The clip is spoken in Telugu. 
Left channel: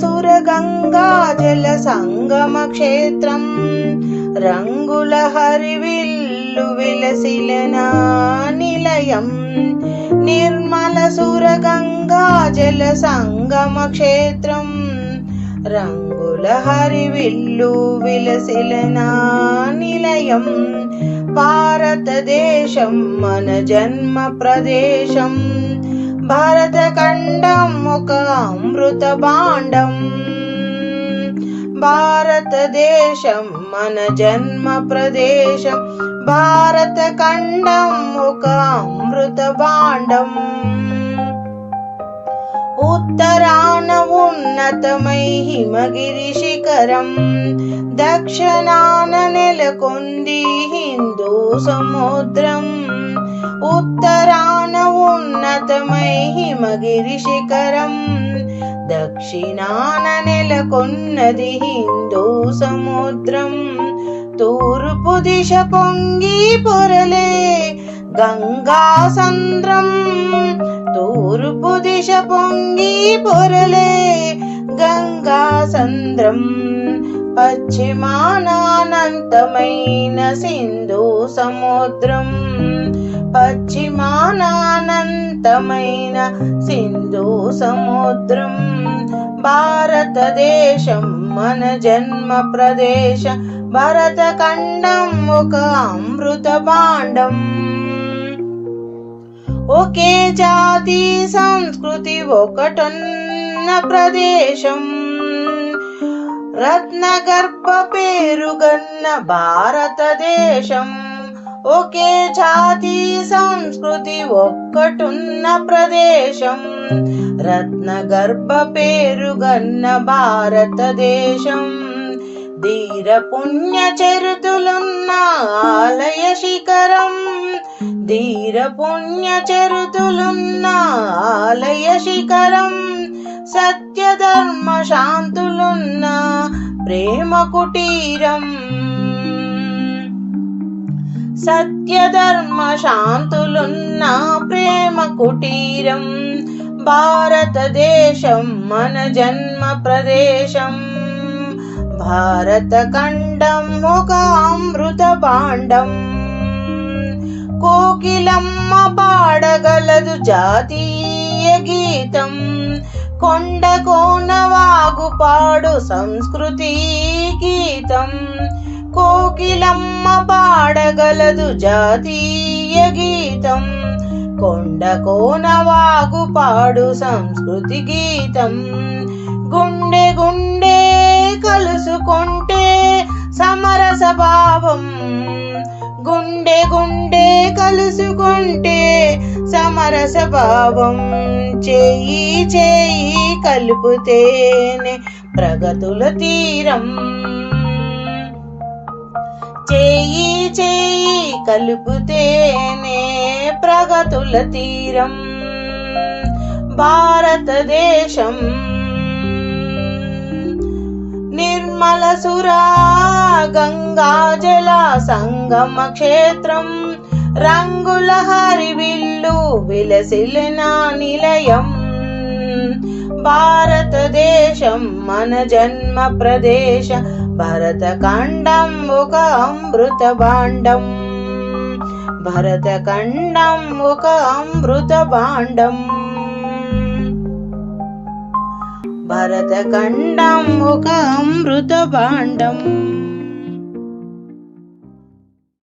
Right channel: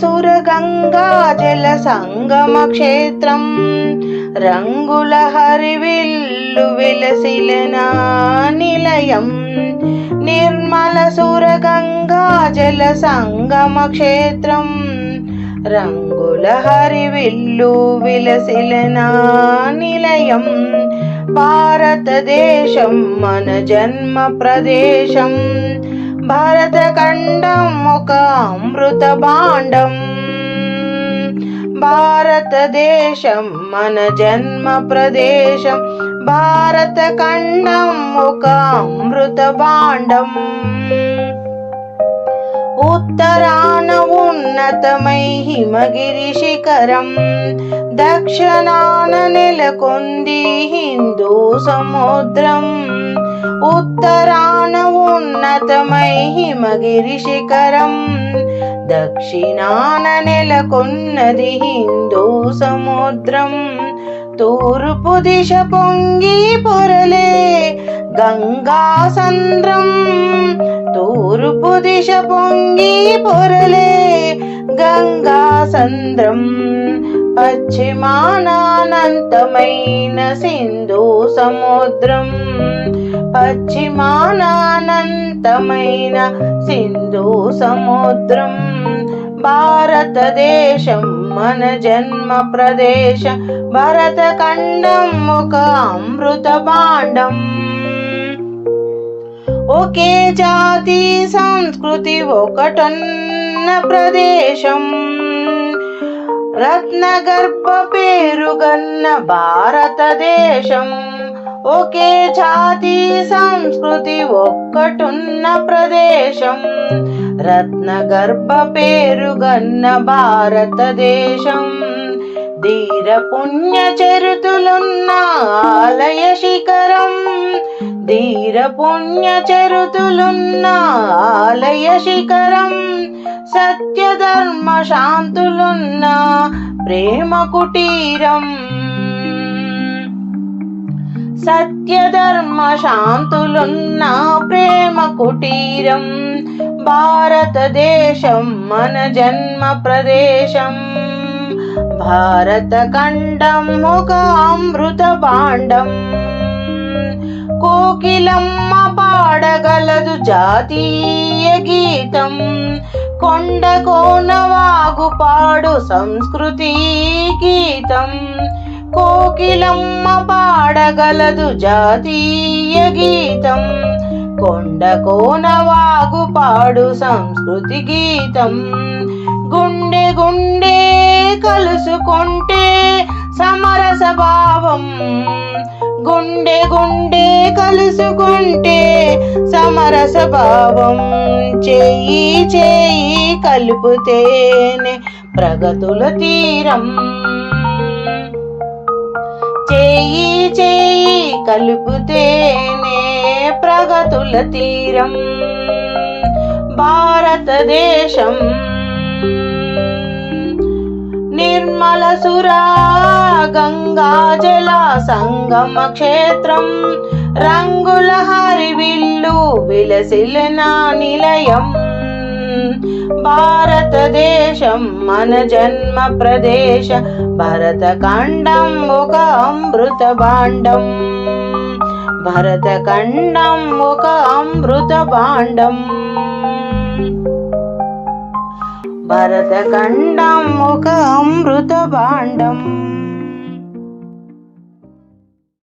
సురగంగా జల సంగమ క్షేత్రం. రంగుల హరివిల్లు విలసిలన నిలయం. నిర్మల సురగంగా జల సంగమ క్షేత్రం. రంగుల హరివిల్లు విలసిలన నిలయం. భారతదేశం మన జన్మ ప్రదేశం. భారతఖండం ఒక అమృత భాండం. భారతదేశం మన జన్మ ప్రదేశం. భారతఖండం ఒక అమృత భాండం. ఉత్తరాన ఉన్నతమై హిమగిరి శిఖరం. దక్షిణాన నెలకొంది హిందూ సముద్రం. ఉత్తరాన హిమగిరి శిఖరం దక్షిణాన నెలకొన్నది హిందూ సముద్రం. తూర్పు దిశ పొంగి పొరలే గంగా సంద్రం. తూర్పు దిశ పొంగి పొరలే గంగా సంద్రం. పశ్చిమానానంతమైన సింధు సముద్రం. పశ్చిమానానంతమైన సింధు సముద్రం భారతదేశం మన జన్మ ప్రదేశం భరతఖండం ఒక అమృత భాండం. ఒకే జాతి సంస్కృతి ఒకటన్న ప్రదేశం. రత్నగర్భ పేరుగన్న భారతదేశం. ఒకే జాతి సంస్కృతి ఒక్కటున్న ప్రదేశం. రత్నగర్భ పేరుగన్న భారతదేశం. ధీర పుణ్య చరితులున్న ఆలయ శిఖరం. ధీర పుణ్య చరితులున్న ఆలయ శిఖరం. సత్య ధర్మ శాంతులున్న ప్రేమ కుటీరం. సత్యధర్మ శాంతులున్న ప్రేమ కుటీరం భారతదేశం మన జన్మ ప్రదేశం. భారత ఖండం ఒక అమృత భాండం. కోకిలమ్మ పాడగలదు జాతీయ గీతం. కొండ కోన వాగు పాడు సంస్కృతి గీతం. పాడగలదు జాతీయ గీతం. కొండ కోనవాగు పాడు సంస్కృతి గీతం. గుండె గుండె కలుసుకుంటే సమరస భావం గుండె గుండె కలుసుకుంటే సమరస భావం చేయి చేయి కలుపుతేనే ప్రగతుల తీరం. చేయి చేయి కలుపుతేనే ప్రగతుల తీరం. భారతదేశం నిర్మల సురా గంగా జల సంగమ క్షేత్రం. రంగుల హరివిల్లు విలసిలన నిలయం. भारतदेशं मन जन्म प्रदेश भरतकाण्डम् मुख अमृतभाण्डम् भरतकण्डम् मुख अमृतपाण्डम् भरतखण्डम् मुख अमृतभाण्डम्